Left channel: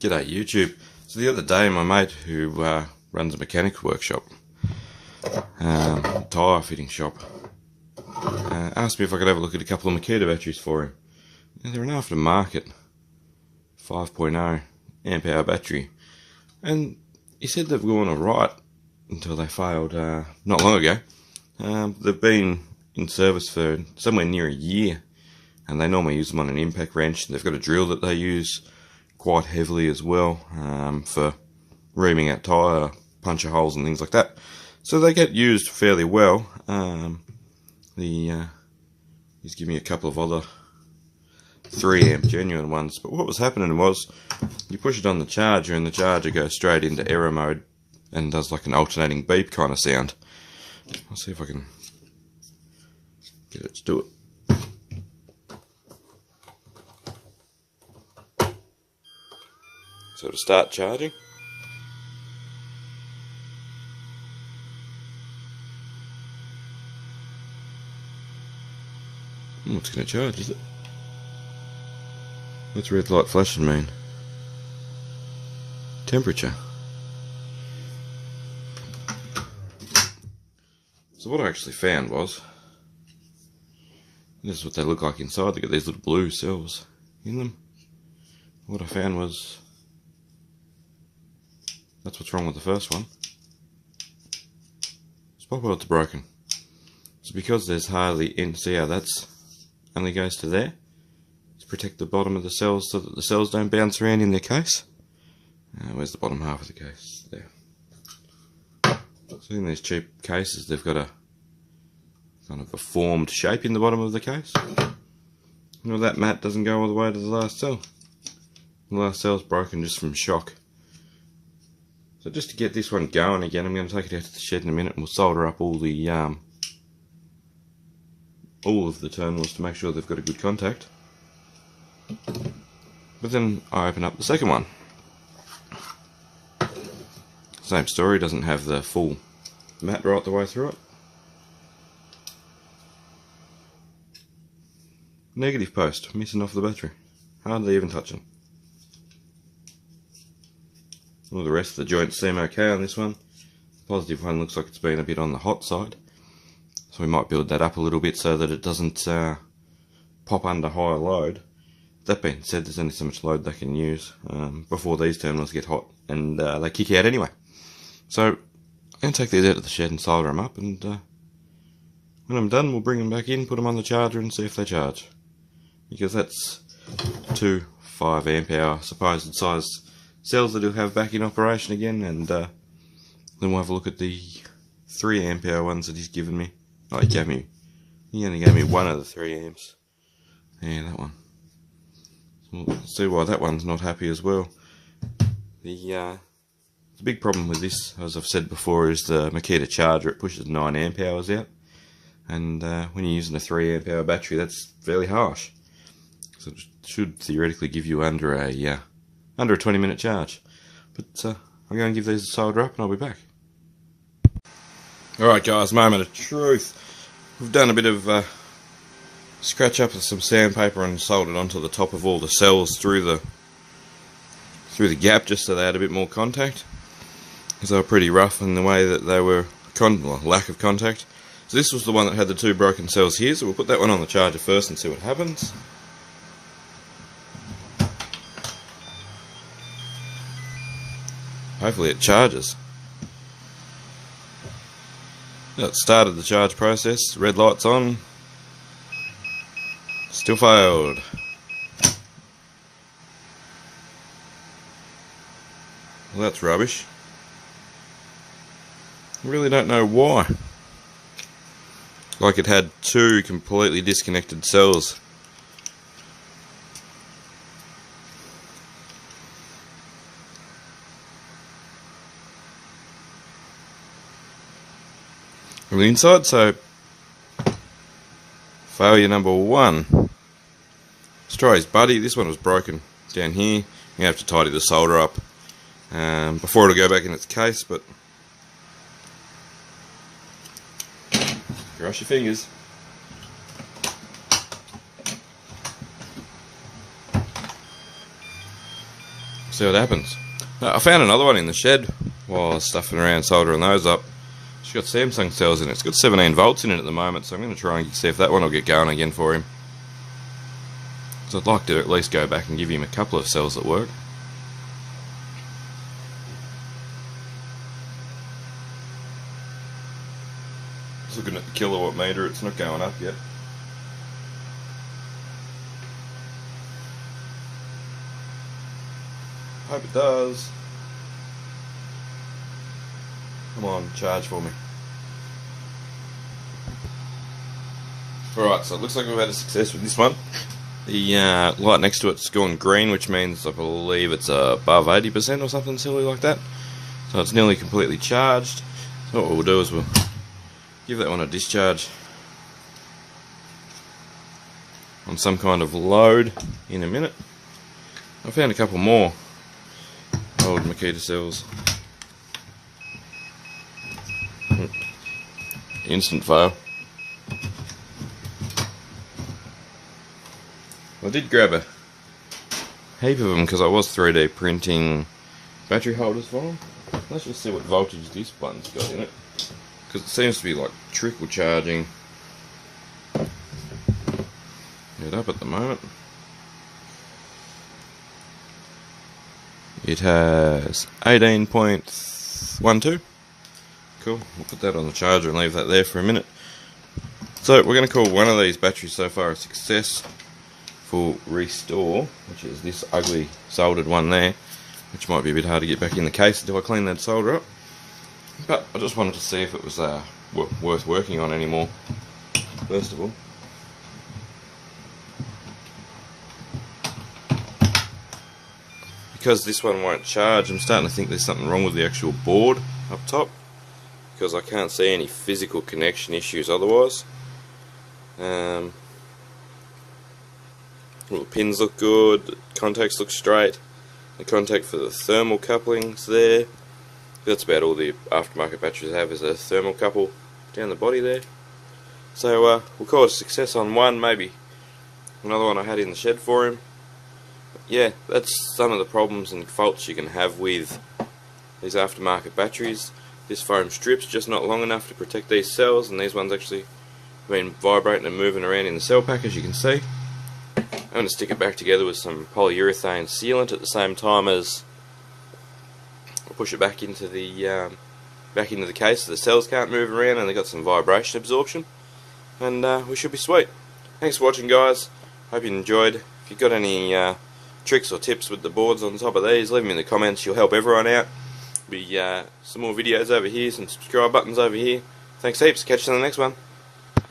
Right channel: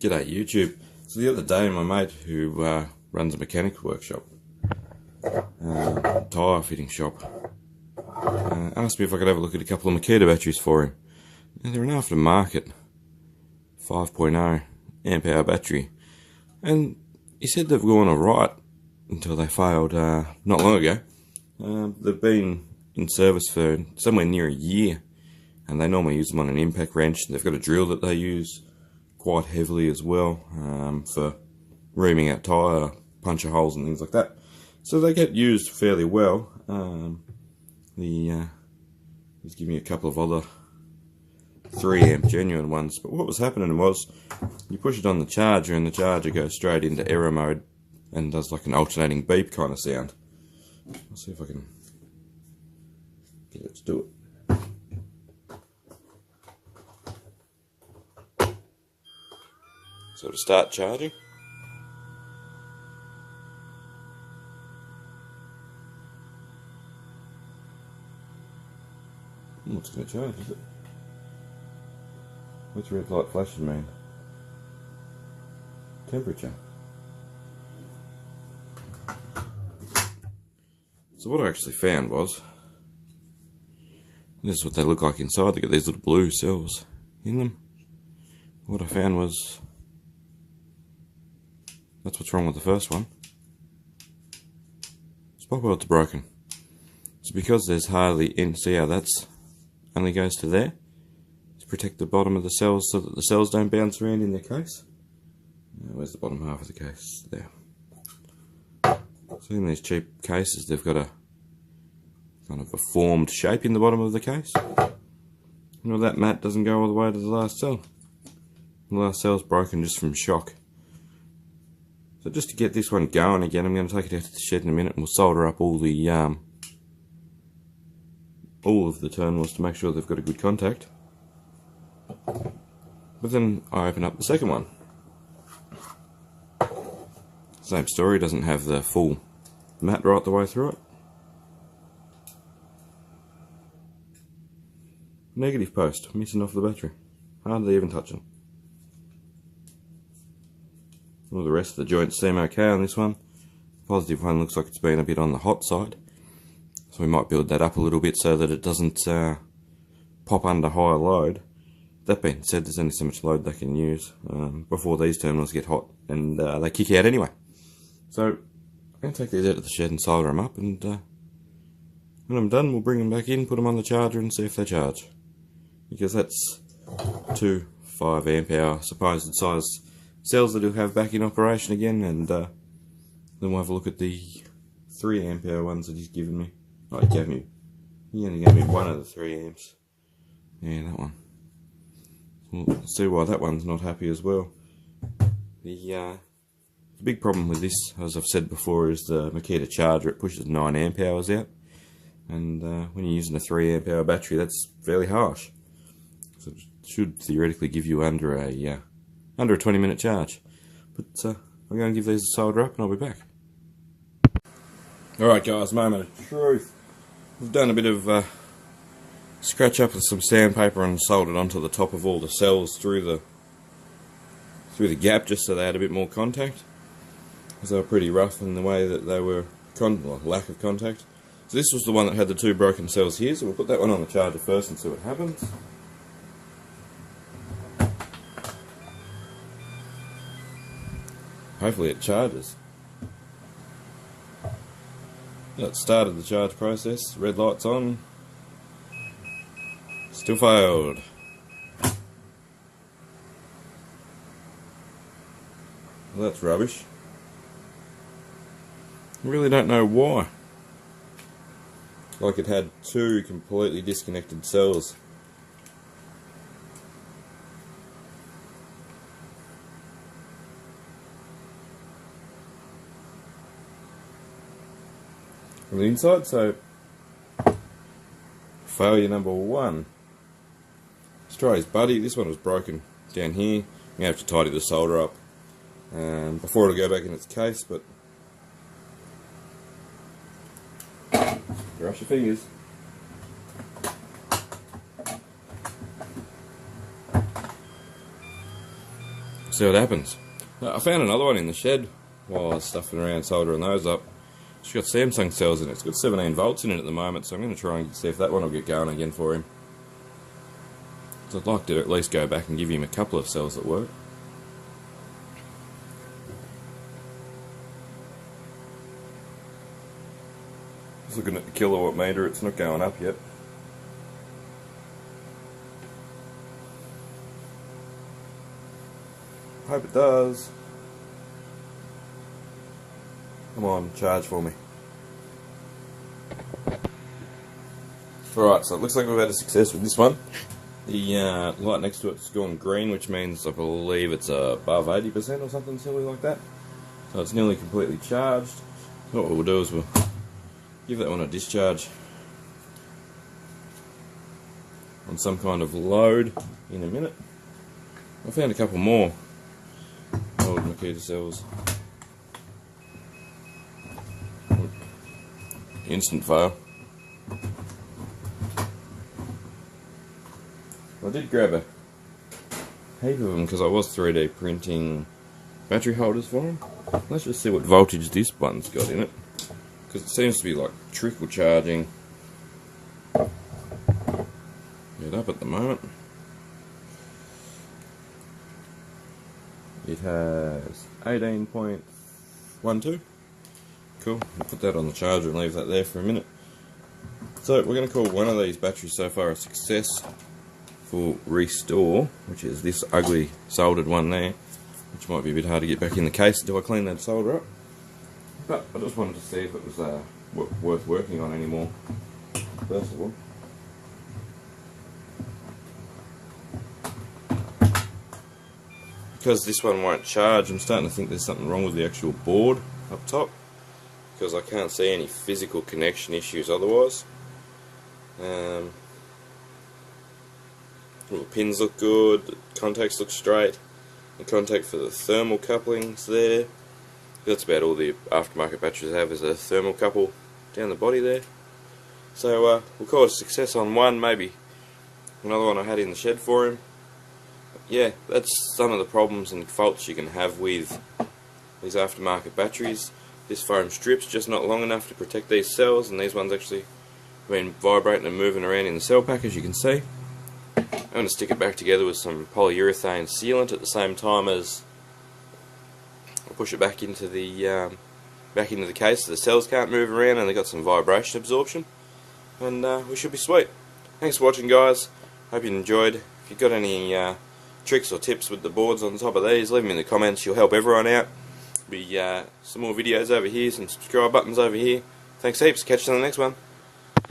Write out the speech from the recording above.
G'day YouTube. So the other day my mate who runs a mechanics workshop, tyre fitting shop, asked me if I could have a look at a couple of Makita batteries for him. And they're an aftermarket 5.0 amp hour battery, and he said they've gone alright until they failed not long ago. They've been in service for somewhere near a year, and they normally use them on an impact wrench. They've got a drill that they use quite heavily as well, for reaming out tyre puncture holes and things like that. So they get used fairly well. He's given me a couple of other 3 amp genuine ones, but what was happening was you push it on the charger and the charger goes straight into error mode and does like an alternating beep kind of sound. I'll see if I can get it to do it. So to start charging, it's going to charge, is it? What's red light flashing mean? Temperature. So what I actually found was, this is what they look like inside. They got these little blue cells in them. What I found was, that's what's wrong with the first one. Spot welds are broken. So because there's hardly any, see how that's only goes to there? To protect the bottom of the cells so that the cells don't bounce around in their case. Where's the bottom half of the case? There. So in these cheap cases they've got a kind of a formed shape in the bottom of the case. Well, that mat doesn't go all the way to the last cell. The last cell's broken just from shock. So just to get this one going again, I'm going to take it out to the shed in a minute and we'll solder up all of the terminals to make sure they've got a good contact. But then I open up the second one. Same story, doesn't have the full mat right the way through it. Negative post, missing off the battery. Hardly even touching. All the rest of the joints seem okay on this one. The positive one looks like it's been a bit on the hot side. So we might build that up a little bit so that it doesn't pop under high load. That being said, there's only so much load they can use before these terminals get hot and they kick out anyway. So I'm going to take these out of the shed and solder them up, and when I'm done we'll bring them back in, put them on the charger and see if they charge. Because that's 2 5 amp hour supposed size cells that he'll have back in operation again, and then we'll have a look at the 3 amp hour ones that he's given me. Oh, he only gave me one of the 3 amps. Yeah, that one. We'll see why that one's not happy as well. The big problem with this, as I've said before, is the Makita charger. It pushes 9 amp hours out, and when you're using a 3 amp hour battery, that's fairly harsh. So it should theoretically give you under a 20-minute charge. But I'm going to give these a solder up and I'll be back. Alright guys, moment of truth. We've done a bit of scratch up with some sandpaper and soldered onto the top of all the cells through the gap, just so they had a bit more contact, because they were pretty rough in the way that they were lack of contact. So this was the one that had the 2 broken cells here, so we'll put that one on the charger first and see what happens. Hopefully it charges. It started the charge process, red light's on, still failed. Well, that's rubbish. I really don't know why. Like it had 2 completely disconnected cells. From the inside, so failure number 1. Let's try his buddy. This one was broken down here. You have to tidy the solder up before it'll go back in its case, but cross your fingers. See what happens. I found another one in the shed while I was stuffing around soldering those up. It's got Samsung cells in it. It's got 17 volts in it at the moment, so I'm going to try and see if that one will get going again for him. So I'd like to at least go back and give him a couple of cells that work. Just looking at the kilowatt meter, it's not going up yet. Hope it does. Come on, charge for me. Alright, so it looks like we've had a success with this one. The light next to it's gone green, which means I believe it's above 80% or something silly like that. So it's nearly completely charged. So what we'll do is we'll give that one a discharge on some kind of load in a minute. I found a couple more old Makita cells. Instant fail. I did grab a heap of them because I was 3D printing battery holders for them. Let's just see what voltage this one's got in it, because it seems to be like trickle charging it up at the moment. It has 18.12. Cool, we'll put that on the charger and leave that there for a minute. So we're going to call one of these batteries so far a success for restore, which is this ugly soldered one there, which might be a bit hard to get back in the case until I clean that solder up. But I just wanted to see if it was worth working on anymore, first of all. Because this one won't charge, I'm starting to think there's something wrong with the actual board up top, because I can't see any physical connection issues otherwise. All the pins look good, the contacts look straight, the contact for the thermal coupling's there. That's about all the aftermarket batteries have, is a thermal couple down the body there. So we'll call it a success on one, maybe another one I had in the shed for him. But yeah, that's some of the problems and faults you can have with these aftermarket batteries. This foam strip's just not long enough to protect these cells, and these ones actually have been vibrating and moving around in the cell pack, as you can see. I'm going to stick it back together with some polyurethane sealant at the same time as I'll push it back into the case so the cells can't move around and they've got some vibration absorption, and we should be sweet. Thanks for watching, guys. Hope you enjoyed. If you've got any tricks or tips with the boards on top of these, leave them in the comments. You'll help everyone out. Be some more videos over here, some subscribe buttons over here. Thanks heaps. Catch you on the next one.